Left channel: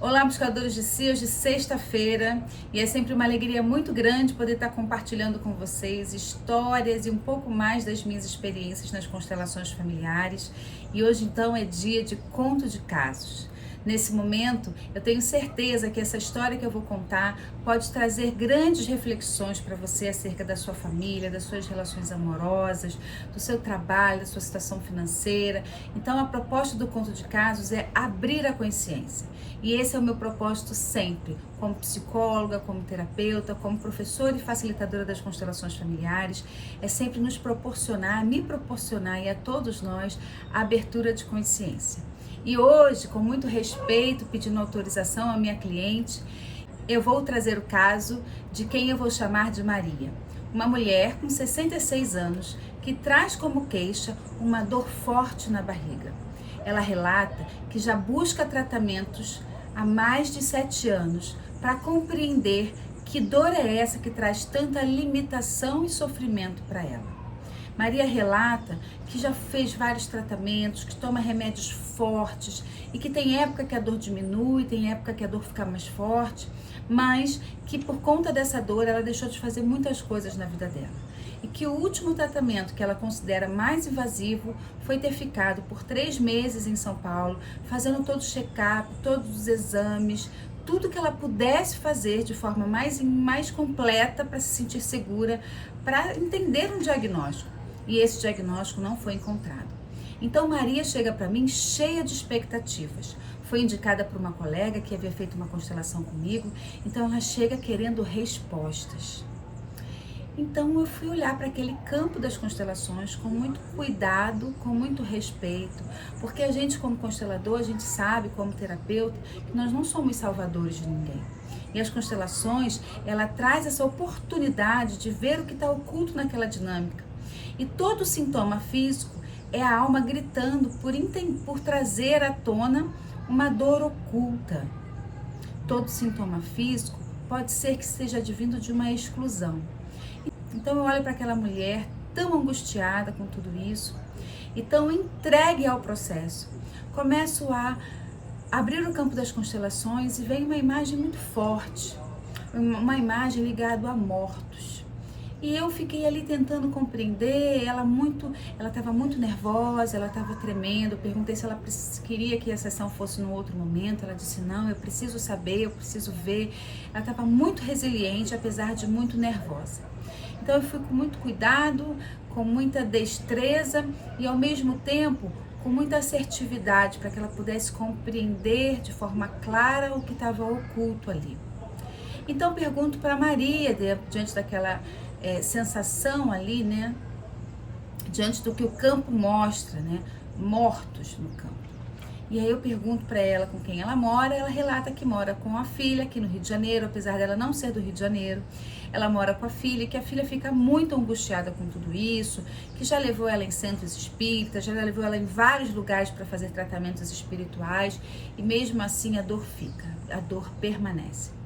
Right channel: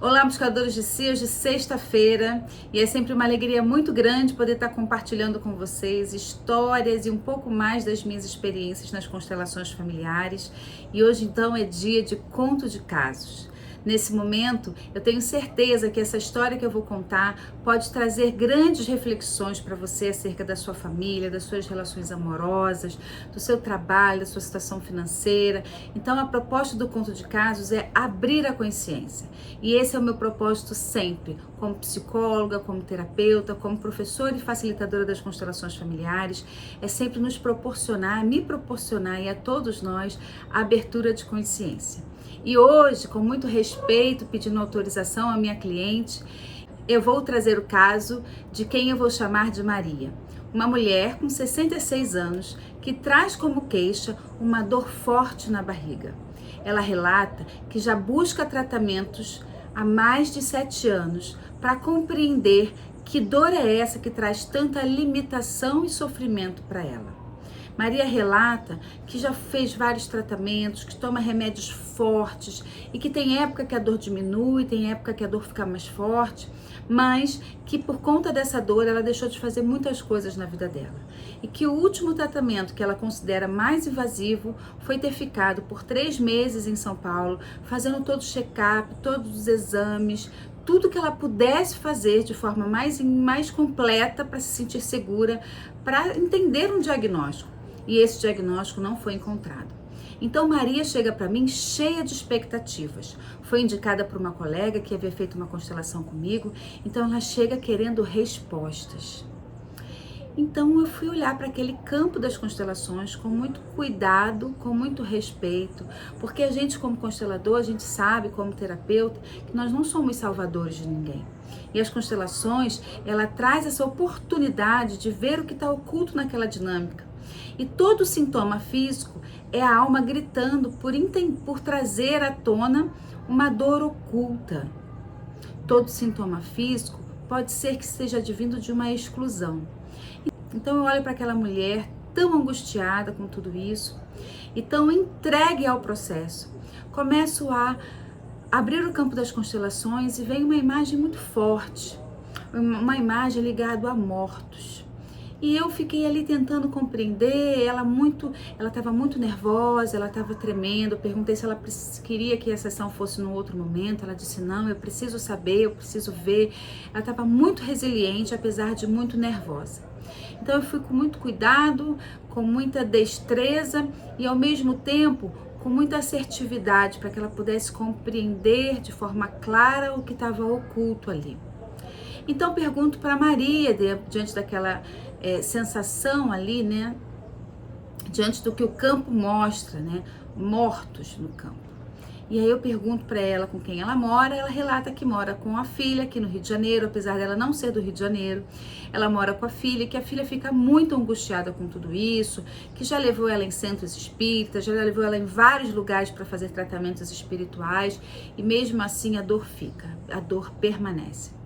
Olá, buscadores de si, hoje sexta-feira, e é sempre uma alegria muito grande poder estar compartilhando com vocês histórias e um pouco mais das minhas experiências nas constelações familiares. E hoje então é dia de conto de casos. Nesse momento, eu tenho certeza que essa história que eu vou contar pode trazer grandes reflexões para você acerca da sua família, das suas relações amorosas, do seu trabalho, da sua situação financeira. Então, a proposta do conto de casos é abrir a consciência. E esse é o meu propósito sempre, como psicóloga, como terapeuta, como professora e facilitadora das constelações familiares, é sempre nos proporcionar, me proporcionar e a todos nós a abertura de consciência. E hoje, com muito respeito, pedindo autorização à minha cliente, eu vou trazer o caso de quem eu vou chamar de Maria. Uma mulher com 66 anos que traz como queixa uma dor forte na barriga. Ela relata que já busca tratamentos há mais de 7 anos para compreender que dor é essa que traz tanta limitação e sofrimento para ela. Maria relata que já fez vários tratamentos, que toma remédios fortes e que tem época que a dor diminui, tem época que a dor fica mais forte, mas que por conta dessa dor ela deixou de fazer muitas coisas na vida dela. E que o último tratamento que ela considera mais invasivo foi ter ficado por 3 meses em São Paulo, fazendo todo o check-up, todos os exames, tudo que ela pudesse fazer de forma mais completa para se sentir segura, para entender um diagnóstico. E esse diagnóstico não foi encontrado. Então Maria chega para mim cheia de expectativas. Foi indicada por uma colega que havia feito uma constelação comigo, então ela chega querendo respostas. Então eu fui olhar para aquele campo das constelações com muito cuidado, com muito respeito, porque a gente como constelador, a gente sabe como terapeuta que nós não somos salvadores de ninguém. E as constelações, ela traz essa oportunidade de ver o que está oculto naquela dinâmica. E todo sintoma físico é a alma gritando por trazer à tona uma dor oculta. Todo sintoma físico pode ser que seja advindo de uma exclusão. Então eu olho para aquela mulher tão angustiada com tudo isso e tão entregue ao processo. Começo a abrir o campo das constelações e vem uma imagem muito forte, uma imagem ligada a mortos. E eu fiquei ali tentando compreender, ela estava muito nervosa, ela estava tremendo, eu perguntei se ela queria que a sessão fosse num outro momento, ela disse não, eu preciso saber, eu preciso ver. Ela estava muito resiliente, apesar de muito nervosa. Então eu fui com muito cuidado, com muita destreza e ao mesmo tempo com muita assertividade para que ela pudesse compreender de forma clara o que estava oculto ali. Então pergunto para Maria, diante daquela sensação ali, né? Diante do que o campo mostra, né? Mortos no campo. E aí eu pergunto para ela com quem ela mora, ela relata que mora com a filha aqui no Rio de Janeiro, apesar dela não ser do Rio de Janeiro. Ela mora com a filha, que a filha fica muito angustiada com tudo isso, que já levou ela em centros espíritas, já levou ela em vários lugares para fazer tratamentos espirituais, e mesmo assim a dor fica, a dor permanece.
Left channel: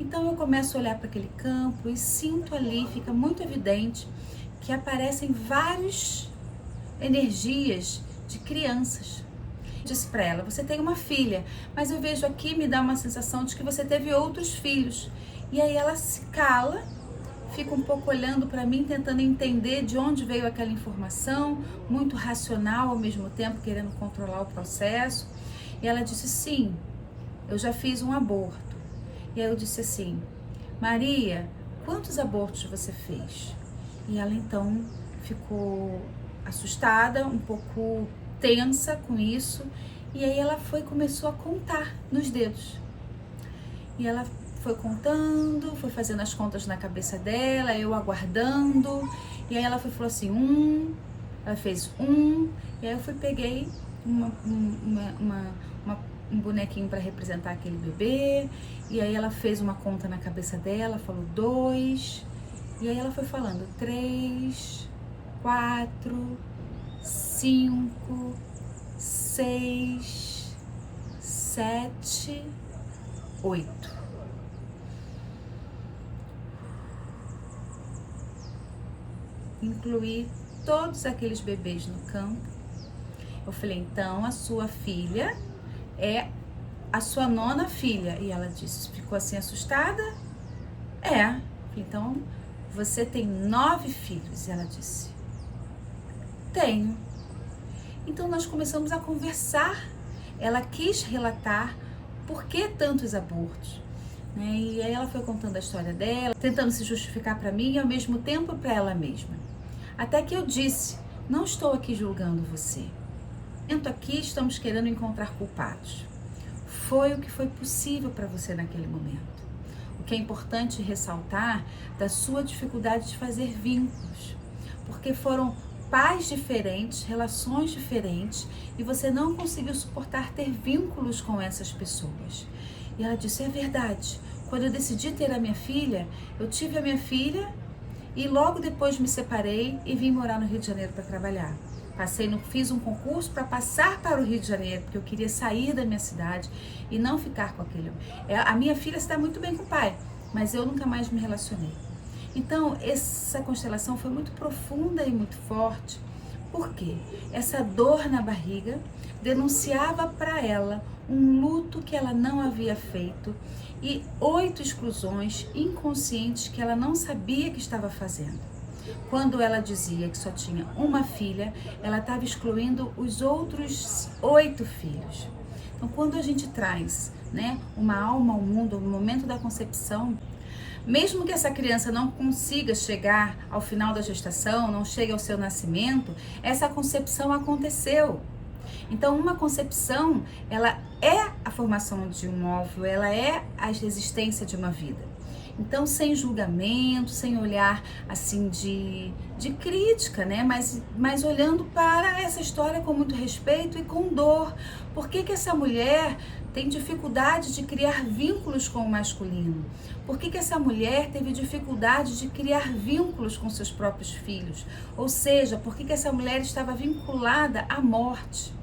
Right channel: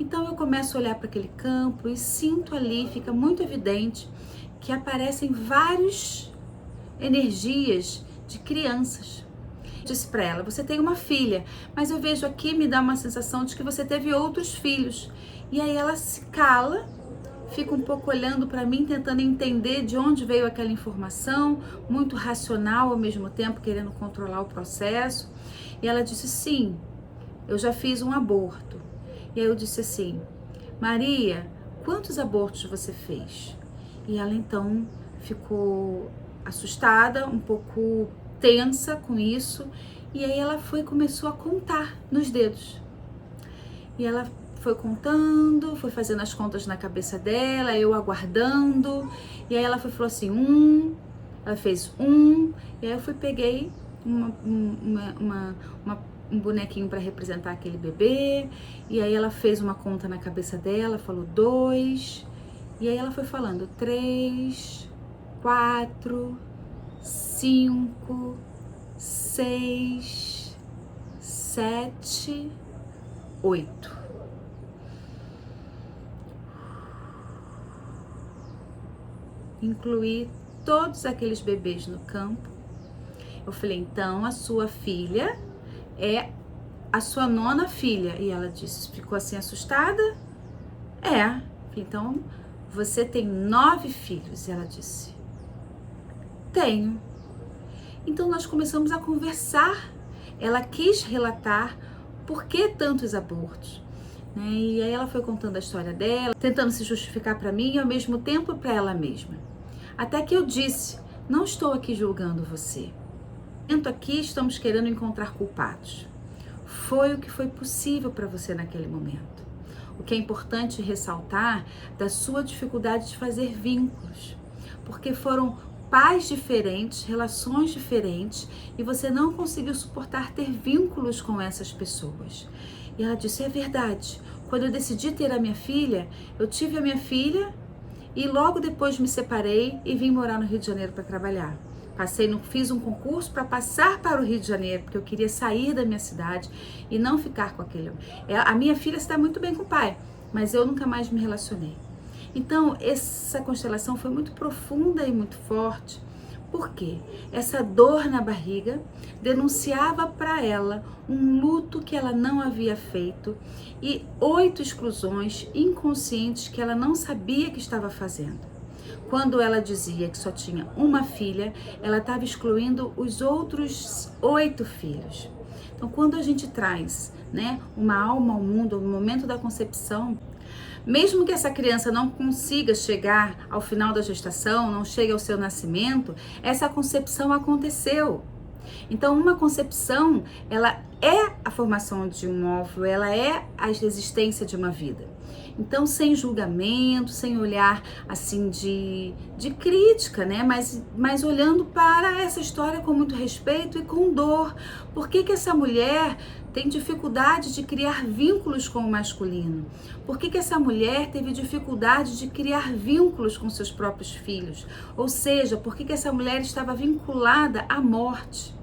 Então eu começo a olhar para aquele campo e sinto ali, fica muito evidente que aparecem várias energias de crianças. Disse para ela, você tem uma filha, mas eu vejo aqui, me dá uma sensação de que você teve outros filhos. E aí ela se cala, fica um pouco olhando para mim, tentando entender de onde veio aquela informação, muito racional ao mesmo tempo, querendo controlar o processo. E ela disse, sim, eu já fiz um aborto. E aí eu disse assim, Maria, quantos abortos você fez? E ela então ficou assustada, um pouco tensa com isso, e aí ela começou a contar nos dedos. E ela foi contando, foi fazendo as contas na cabeça dela, eu aguardando, e aí ela falou assim, ela fez e aí eu peguei um bonequinho para representar aquele bebê, e aí ela fez uma conta na cabeça dela, falou 2, e aí ela foi falando 3, 4, 5, 6, 7, 8. Incluí todos aqueles bebês no campo. Eu falei, então a sua filha é a sua 9ª filha. E ela disse, ficou assim assustada? É. Então, você tem 9 filhos. E ela disse, tenho. Então, nós começamos a conversar. Ela quis relatar por que tantos abortos. E aí ela foi contando a história dela, tentando se justificar para mim e ao mesmo tempo para ela mesma. Até que eu disse, não estou aqui julgando você. Aqui estamos querendo encontrar culpados. Foi o que foi possível para você naquele momento. O que é importante ressaltar da sua dificuldade de fazer vínculos. Porque foram pais diferentes, relações diferentes e você não conseguiu suportar ter vínculos com essas pessoas. E ela disse, é verdade, quando eu decidi ter a minha filha, eu tive a minha filha e logo depois me separei e vim morar no Rio de Janeiro para trabalhar. Fiz um concurso para passar para o Rio de Janeiro, porque eu queria sair da minha cidade e não ficar com aquele... A minha filha se dá muito bem com o pai, mas eu nunca mais me relacionei. Então, essa constelação foi muito profunda e muito forte. Por quê? Essa dor na barriga denunciava para ela um luto que ela não havia feito e 8 exclusões inconscientes que ela não sabia que estava fazendo. Quando ela dizia que só tinha uma filha, ela estava excluindo os outros 8 filhos. Então, quando a gente traz, uma alma ao mundo no momento da concepção, mesmo que essa criança não consiga chegar ao final da gestação, não chegue ao seu nascimento, essa concepção aconteceu. Então, uma concepção, ela é a formação de um óvulo, ela é a existência de uma vida. Então, sem julgamento, sem olhar assim de crítica, mas olhando para essa história com muito respeito e com dor. Por que essa mulher tem dificuldade de criar vínculos com o masculino? Por que essa mulher teve dificuldade de criar vínculos com seus próprios filhos? Ou seja, por que essa mulher estava vinculada à morte?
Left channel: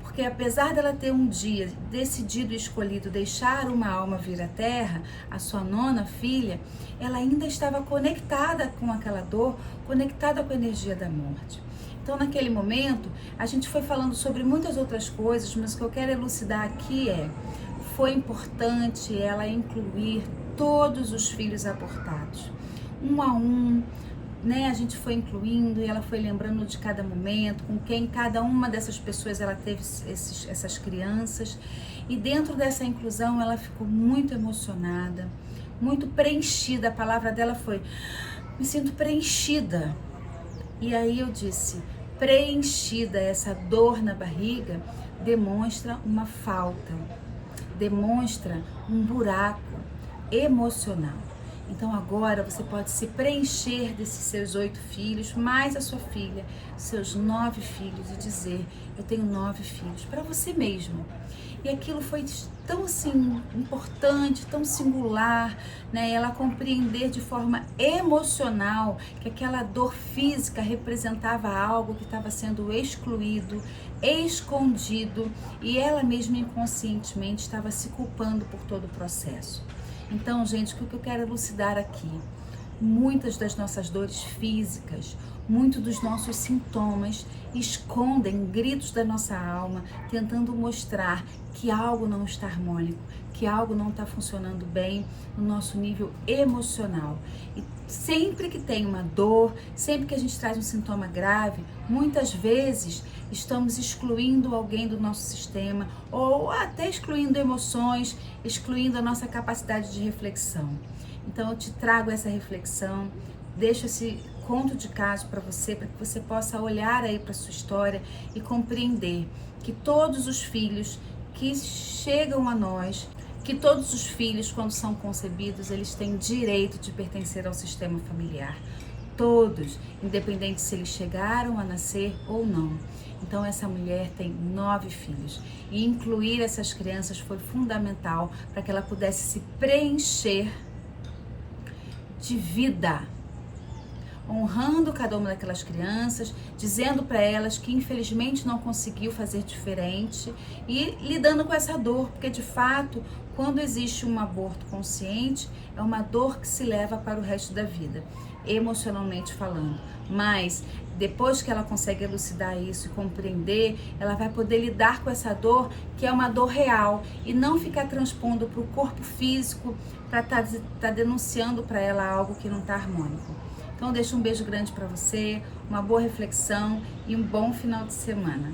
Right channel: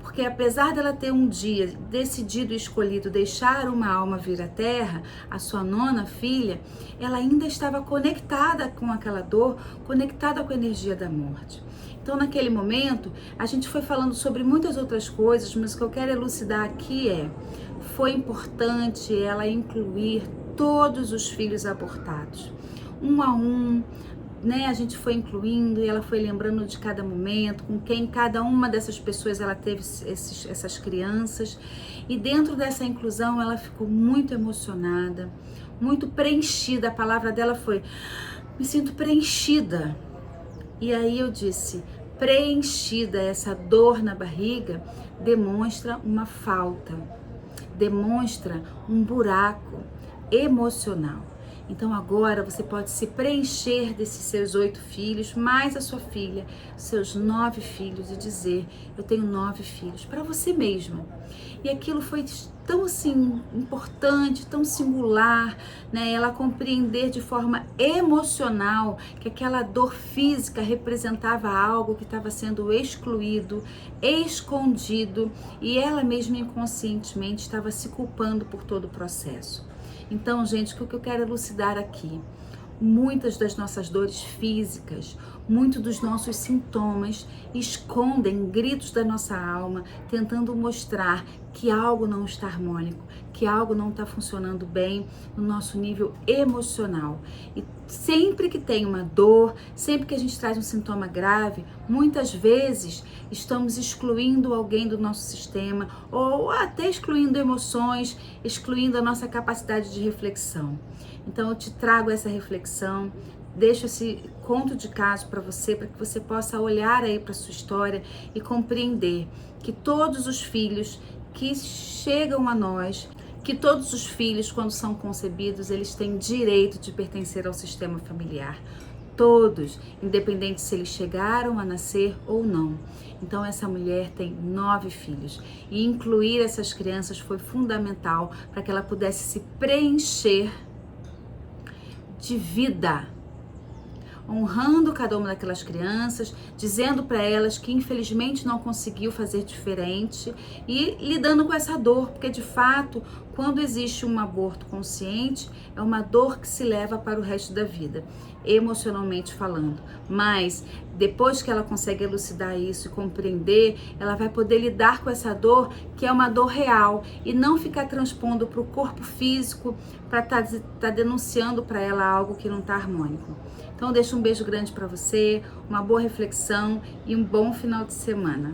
Porque apesar dela ter um dia decidido e escolhido deixar uma alma vir à Terra, a sua 9ª filha, ela ainda estava conectada com aquela dor, conectada com a energia da morte. Então, naquele momento, a gente foi falando sobre muitas outras coisas, mas o que eu quero elucidar aqui foi importante ela incluir todos os filhos abortados, um a um, a gente foi incluindo e ela foi lembrando de cada momento, com quem cada uma dessas pessoas ela teve essas crianças. E dentro dessa inclusão ela ficou muito emocionada, muito preenchida. A palavra dela foi, me sinto preenchida. E aí eu disse, preenchida, essa dor na barriga demonstra uma falta, demonstra um buraco emocional. Então agora você pode se preencher desses seus 8 filhos, mais a sua filha, seus 9 filhos, e dizer, eu tenho 9 filhos, para você mesma. E aquilo foi tão assim importante, tão singular, ela compreender de forma emocional que aquela dor física representava algo que estava sendo excluído, escondido, e ela mesma inconscientemente estava se culpando por todo o processo. Então, gente, o que eu quero elucidar aqui? Muitas das nossas dores físicas, muitos dos nossos sintomas escondem gritos da nossa alma, tentando mostrar que algo não está harmônico, que algo não está funcionando bem no nosso nível emocional. E sempre que tem uma dor, sempre que a gente traz um sintoma grave, muitas vezes estamos excluindo alguém do nosso sistema ou até excluindo emoções, excluindo a nossa capacidade de reflexão. Então eu te trago essa reflexão, deixo esse conto de caso para que você possa olhar aí para sua história e compreender que todos os filhos que chegam a nós, que todos os filhos, quando são concebidos, eles têm direito de pertencer ao sistema familiar. Todos, independente se eles chegaram a nascer ou não. Então essa mulher tem 9 filhos e incluir essas crianças foi fundamental para que ela pudesse se preencher de vida. honrando cada uma daquelas crianças, dizendo para elas que infelizmente não conseguiu fazer diferente e lidando com essa dor, porque de fato, quando existe um aborto consciente, é uma dor que se leva para o resto da vida, emocionalmente falando. Mas depois que ela consegue elucidar isso e compreender, ela vai poder lidar com essa dor, que é uma dor real, e não ficar transpondo para o corpo físico, para tá denunciando para ela algo que não está harmônico. Então, eu deixo um beijo grande para você, uma boa reflexão e um bom final de semana.